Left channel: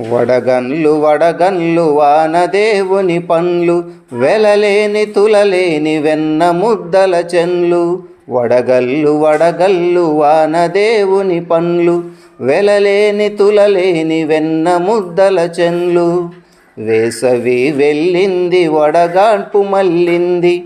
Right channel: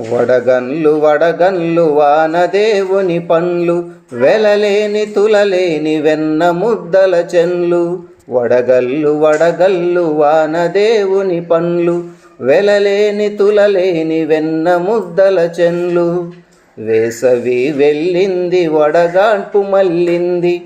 వడగన్లు వడగన్లు వానదేవుని పండ్లు వెలలేని తులలేని వెన్న ముద్దల చెన్లు వడగల్లు వడగల్లు వానదేవుని పండ్లు వెలలేని తులలేని వెన్న ముద్దల చెన్లు వేసవి వెళ్ళింది వడగాడ్పు మల్లింది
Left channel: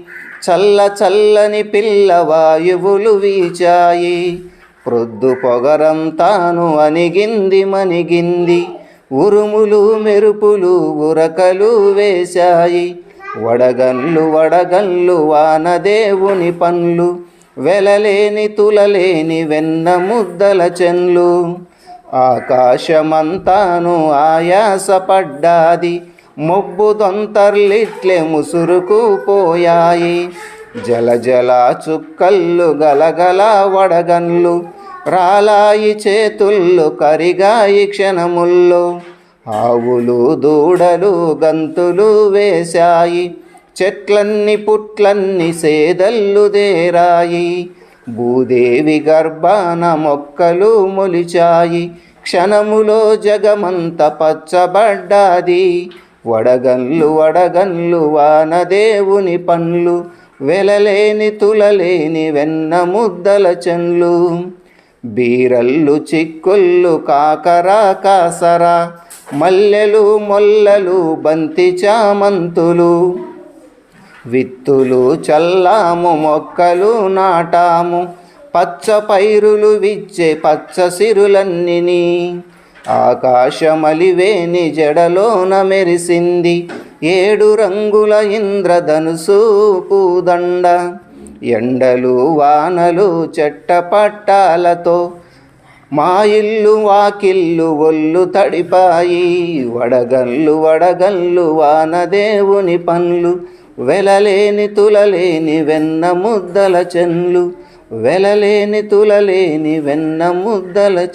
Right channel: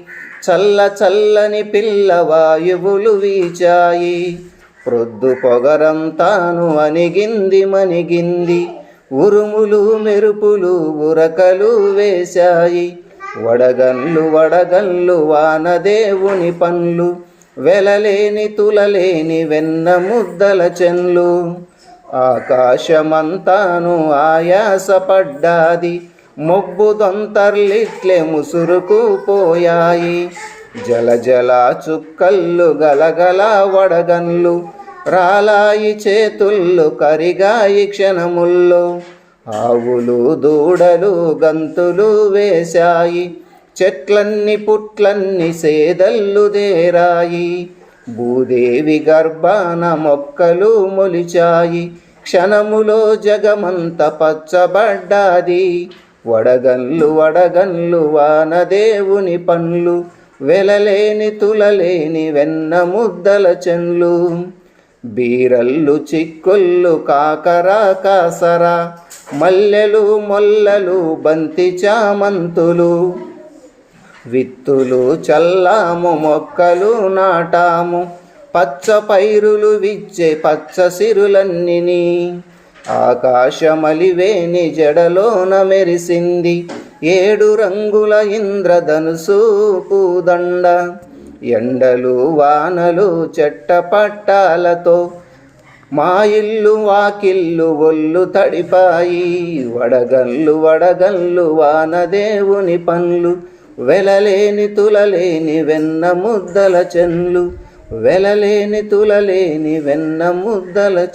చల్ల చల్లని పిల్ల వాయువులు వీచాయి. ప్రొద్దు పొగరంతాను అనిగింది మణిగింది. ఉరుములు మెరుపులు ఉరకలు వేశాయి. వడగన్లు వడగన్లు వానదేవుని పండ్లు. వెలలేని తులలేని వెన్న ముద్దల చెన్లు ఆకాశమంతాను ఆయాసపడ్డాది. మొబ్బు దొంతర్లిట్లే ముసురుకు పోయాయి. జల జల చుక్కల్లు గలగల వడగన్లు రాలాయి చేతుళ్ళు కరిగాయి క్షణముల్లో. ఆవులు దూడలు గంతులు వేశాయి. చెట్లన్ని పుట్లన్ని సేదల్లు దేరాయి. భూదేవి గర్భాన మొక్కలు మొలిచాయి. క్షణములో జగమంత పచ్చబడ్డాది. వడగన్లు వడగన్లు వానదేవుని పండ్లు. వెలలేని తులలేని వెన్న ముద్దల చెన్లు బీరల్లు చిక్కుళ్ళు కాకరా కాసరా మల్లెలు మొల్లలు బంతి చామంతులు. విత్తులు చల్లాము మొక్కలు నాటాము పచ్చ పైరులు విచ్చే పచ్చ సిరులన్నిని. ఆకాశమలివేని జడలోన మెరిసింది ఏడు రంగుల ఇంద్రధనుసు పూదండ. ఎండలు వానలు చెట్ట పట్టాలతో మా ఇల్లు వాకిల్లు ఒళ్ళు తడిపాయి. వడగల్లు వడగల్లు వానదేవుని పనులు. వెలలేని తులలేని వెన్న ముద్దల చెన్లు. వెలలేని తులలేని వెన్న ముద్దల